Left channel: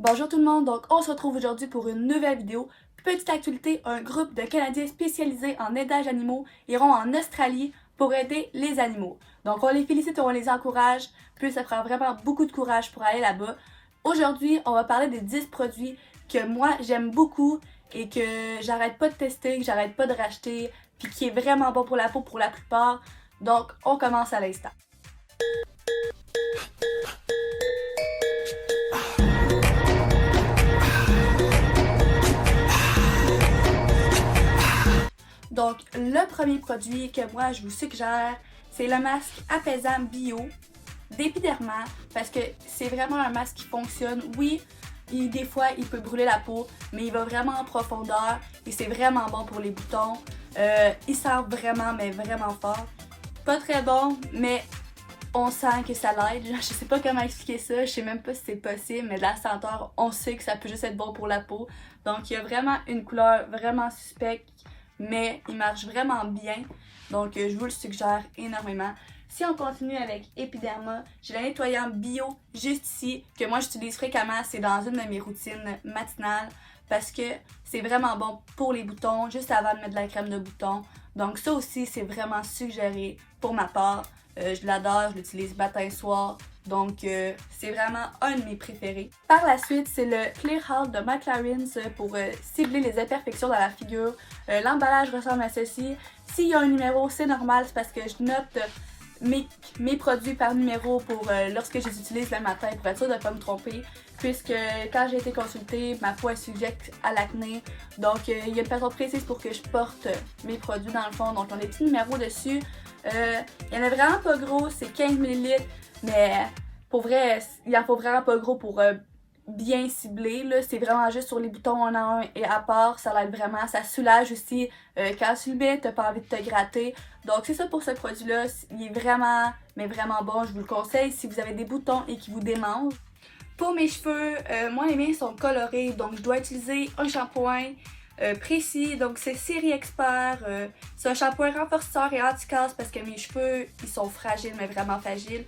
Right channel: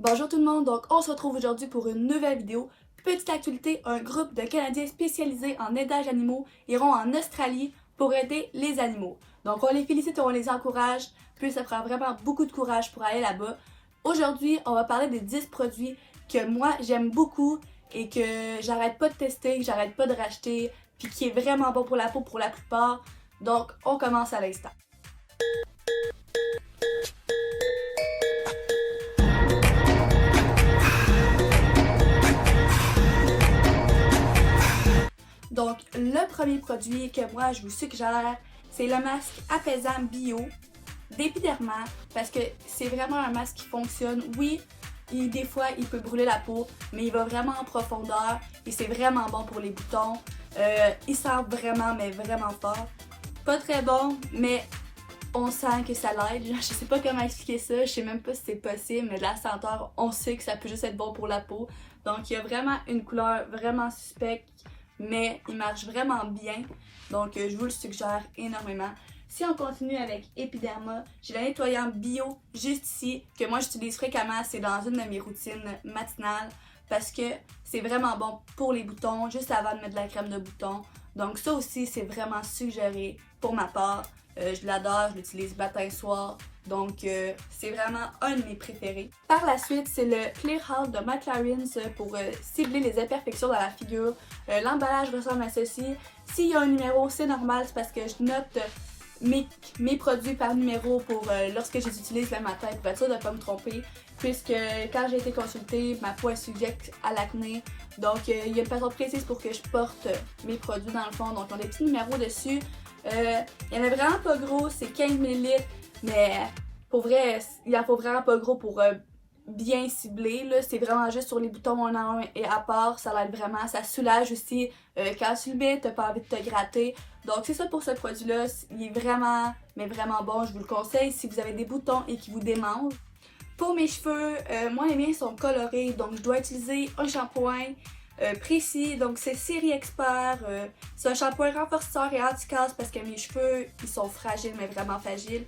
Bonjour tout le monde, donc on se retrouve aujourd'hui pour une nouvelle vidéo. Petite actualité, un groupe de Canadiens spécialisés en aidage animaux iront en Australie pour aider les animaux. Donc on les félicite et on les encourage, puis ça prend vraiment beaucoup de courage pour aller là-bas. Aujourd'hui, on va parler des 10 produits que moi j'aime beaucoup et que j'arrête pas de tester, que j'arrête pas de racheter, puis qui est vraiment bon pour la peau pour la plupart. Donc on commence à l'instant. Donc, le premier produit que moi je vous suggère, c'est le masque apaisant bio d'Epiderma parce que c'est vraiment un masque qui fonctionne. Oui, des fois il peut brûler la peau, mais il va vraiment en profondeur et c'est vraiment bon pour les boutons. Il sent vraiment, mais vraiment fort. Pas très bon, mais on sent que ça l'aide. Je sais pas comment expliquer ça, je sais même pas si c'est possible, mais de la senteur, on sait que ça peut juste être bon pour la peau. Donc il y a vraiment une couleur vraiment suspecte, mais il marche vraiment bien. Donc je vous le suggère énormément. Si on continue avec Epiderma, j'ai le nettoyant bio juste ici, que moi j'utilise fréquemment, c'est dans une de mes routines matinales, parce que c'est vraiment bon pour les boutons, juste avant de mettre de la crème de bouton. Donc ça aussi, c'est vraiment suggéré pour ma part. Je l'adore, je l'utilise matin soir, donc c'est vraiment un de mes préférés. Par la suite, c'est le Clear Heart de McLaren's pour cibler les imperfections dans la figure. L'emballage ressemble à ceci. S'il y a un numéro, c'est normal, c'est parce que je note mes produits par numéro pour lorsque je les utilise le matin pour être sûre de ne pas me tromper, puisque quand j'ai été consultée, ma peau est sujette à l'acné, donc il y a une façon précise pour que je porte mes produits dans le fond, donc on a des petits numéros dessus. Il y en a vraiment pas gros, c'est 15 ml, mais pour vrai, il en faut vraiment pas gros pour bien cibler, là. C'est vraiment juste sur les boutons on a un et à part, ça l'aide vraiment, ça soulage aussi quand tu le mets, t'as pas envie de te gratter. Donc c'est ça pour ce produit-là, il est vraiment, mais vraiment bon, je vous le conseille si vous avez des boutons et qui vous démangent. Pour mes cheveux, moi les miens sont colorés, donc je dois utiliser un shampoing précis, donc c'est Série Expert, c'est un shampoing renforceur et anti-casse parce que mes cheveux ils sont fragiles, mais vraiment fragiles.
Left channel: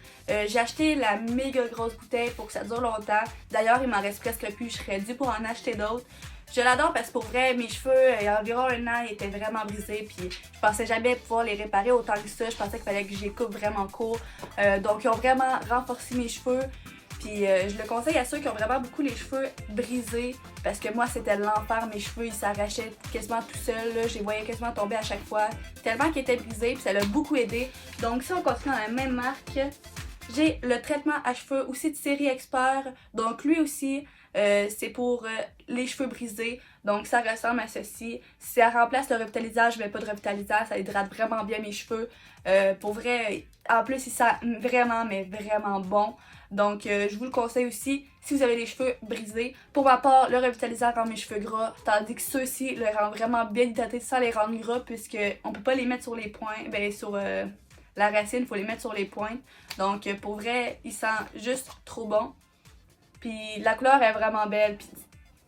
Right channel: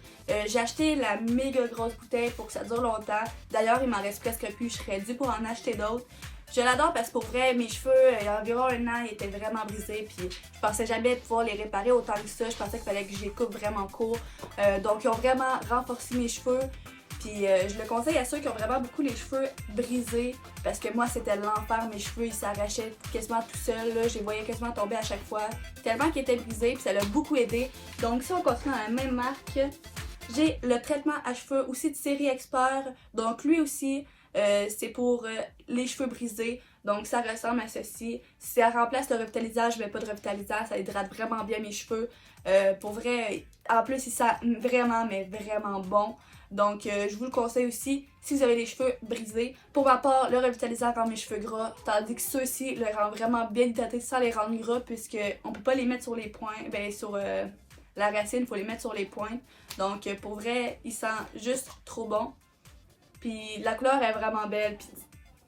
J'ai acheté la méga grosse bouteille pour que ça dure longtemps, d'ailleurs il m'en reste presque plus, je serais due pour en acheter d'autres. Je l'adore parce que pour vrai, mes cheveux, il y a environ un an, ils étaient vraiment brisés, puis je pensais jamais pouvoir les réparer autant que ça, je pensais qu'il fallait que je les coupe vraiment court, donc ils ont vraiment renforcé mes cheveux. Puis je le conseille à ceux qui ont vraiment beaucoup les cheveux brisés parce que moi c'était l'enfer, mes cheveux ils s'arrachaient quasiment tout seuls, je les voyais quasiment tomber à chaque fois tellement qu'ils étaient brisés, puis ça l'a beaucoup aidé. Donc si on continue dans la même marque, j'ai le traitement à cheveux aussi de Série Expert, donc lui aussi c'est pour les cheveux brisés, donc ça ressemble à ceci. Si ça remplace le revitalisant, je mets pas de revitalisant, ça hydrate vraiment bien mes cheveux. Pour vrai, en plus il sent vraiment, mais vraiment bon. Donc je vous le conseille aussi si vous avez les cheveux brisés. Pour ma part, le revitalisant rend mes cheveux gras, tandis que ceux-ci le rendent vraiment bien hydratés sans les rendre gras, puisque on peut pas les mettre sur les points, ben sur la racine, il faut les mettre sur les pointes. Donc pour vrai, il sent juste trop bon. Puis la couleur est vraiment belle, puis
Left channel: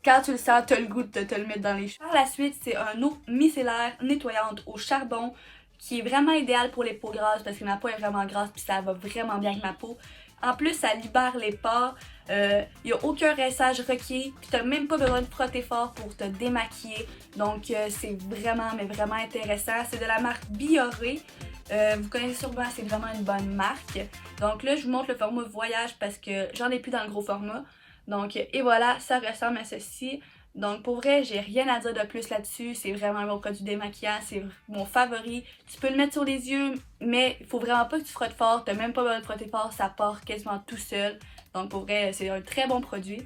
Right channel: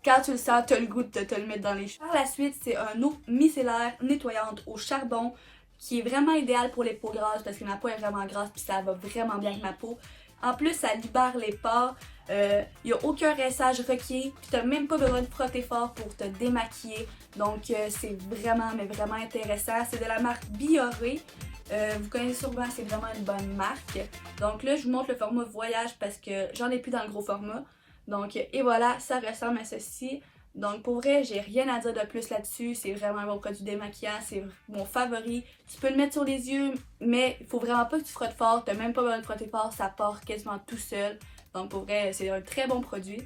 quand tu le sens, tu as le goût de te le mettre dans les cheveux. Par la suite, c'est un eau micellaire nettoyante au charbon qui est vraiment idéal pour les peaux grasses parce que ma peau est vraiment grasse puis ça va vraiment bien avec ma peau. En plus, ça libère les pores, il n'y a aucun rinçage requis, puis tu n'as même pas besoin de frotter fort pour te démaquiller. Donc c'est vraiment, mais vraiment intéressant. C'est de la marque Bioré. Vous connaissez sûrement, c'est vraiment une bonne marque. Donc là, je vous montre le format voyage parce que j'en ai plus dans le gros format. Donc, et voilà, ça ressemble à ceci. Donc pour vrai, j'ai rien à dire de plus là-dessus. C'est vraiment un bon produit démaquillant, c'est mon favori. Tu peux le mettre sur les yeux, mais il faut vraiment pas que tu frottes fort. T'as même pas besoin de frotter fort, ça part quasiment tout seul. Donc pour vrai, c'est un très bon produit.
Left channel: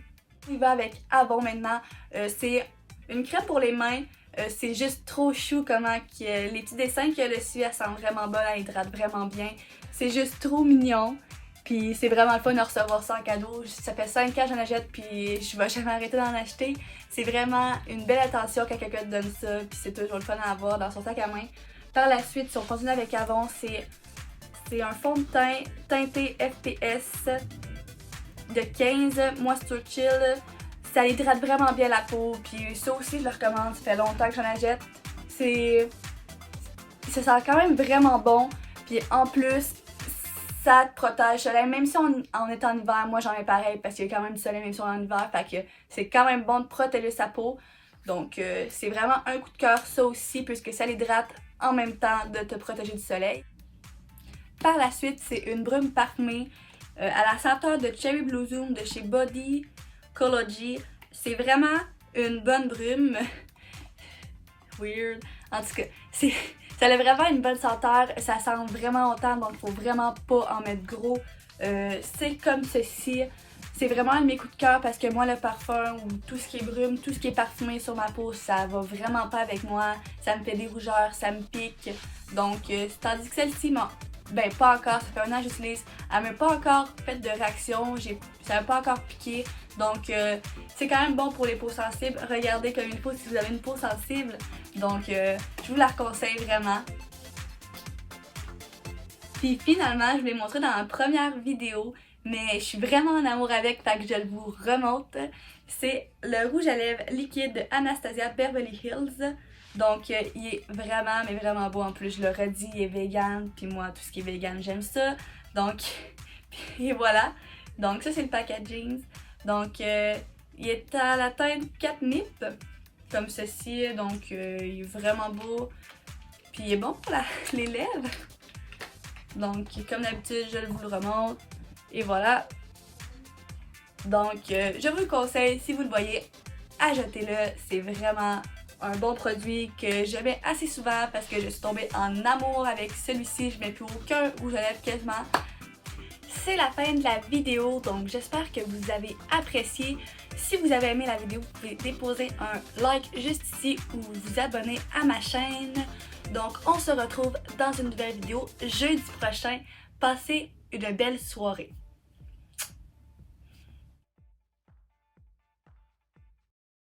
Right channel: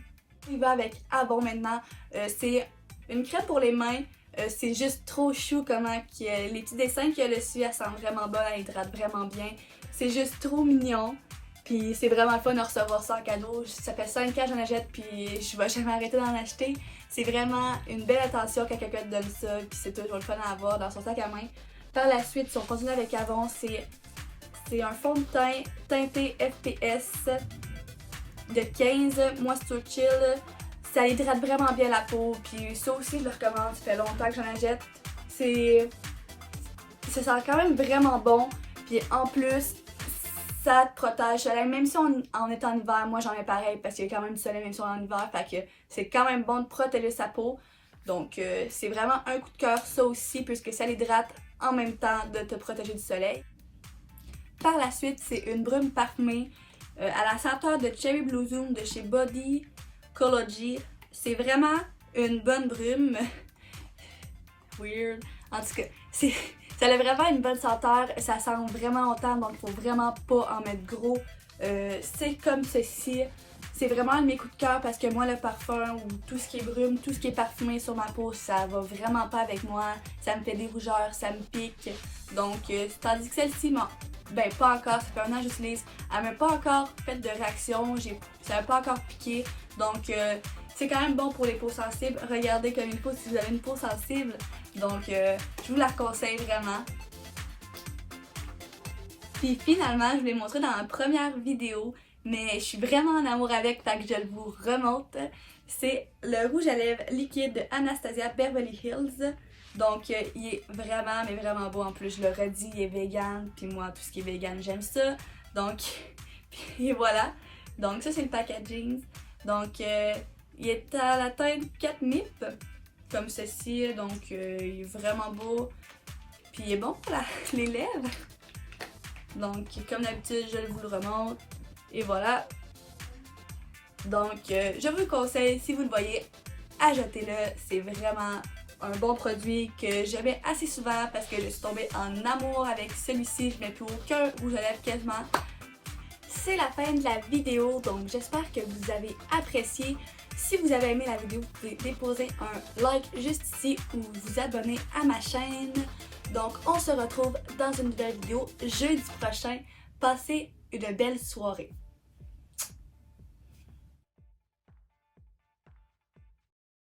Il va avec Avon maintenant. C'est une crème pour les mains. C'est juste trop chou comment les petits dessins qu'il y a dessus, elle sent vraiment bonne, elle hydrate vraiment bien. C'est juste trop mignon. Puis c'est vraiment le fun de recevoir ça en cadeau. Ça fait 5 ans que j'en achète puis je vais jamais arrêter d'en acheter. C'est vraiment une belle attention quand quelqu'un te donne ça, puis c'est toujours le fun à avoir dans son sac à main. Par la suite, si on continue avec Avon, c'est un fond de teint teinté FPS de 15 Moisture Chill. Ça hydrate vraiment bien la peau, puis ça aussi je le recommande, ça fait longtemps que j'en achète. Ça sent quand même vraiment bon, puis en plus ça te protège du soleil, même si on est en hiver, moi j'en ai pareil parce qu'il y a quand même du soleil même si on est en hiver, fait que c'est quand même bon de protéger sa peau. Donc c'est vraiment un coup de cœur ça aussi puisque ça l'hydrate en même temps de te protéger du soleil. Par la suite, c'est une brume parfumée à la senteur de Cherry Blossom de chez Body Ecology. C'est vraiment une bonne brume. Weird. En tout cas, ça a vraiment une bonne senteur. Ça sent vraiment longtemps, donc faut vraiment pas en mettre gros. C'est comme ceci. C'est vraiment un de mes coups de cœur parce que moi, le parfum ou tout ce qui est brume, tout ce qui est parfumé sur ma peau, ça va vraiment pas avec moi. Ça me fait des rougeurs, ça me pique. Donc, tandis que celle-ci, ben pas encore, ça fait un an que j'utilise. Elle m'a pas encore fait de réaction, ça m'a pas encore piqué. Donc, c'est quand même bon pour les peaux sensibles. Regardez comme il faut si vous avez une peau sensible. Donc, je vous la conseille vraiment. Puis finalement, je vous l'ai montré dans ma première vidéo, mais je suis vraiment en amour avec, fait que je vous remonte. C'est le rouge à lèvres liquide de Anastasia Beverly Hills. Donc, il est vraiment, mais vraiment beau. En plus, je le redis, il est vegan. Puis moi, tout ce qui est vegan, j'aime ça. Donc, et voilà. Donc, ça, c'est le packaging. Donc, il est à la teinte 4 nip, comme ceci. Donc, il est vraiment beau. Puis, il est bon pour les lèvres. Donc, comme d'habitude, je vous le remonte. Et voilà. Donc, je vous le conseille, si vous le voyez, achetez-le. C'est vraiment un bon produit que je mets assez souvent parce que je suis tombée en amour avec celui-ci. Je mets plus aucun rouge à lèvres quasiment. C'est la fin de la vidéo, donc j'espère que vous avez apprécié. Si vous avez aimé la vidéo, vous pouvez déposer un like juste ici ou vous abonner à ma chaîne. Donc, on se retrouve dans une nouvelle vidéo jeudi prochain. Passez une belle soirée.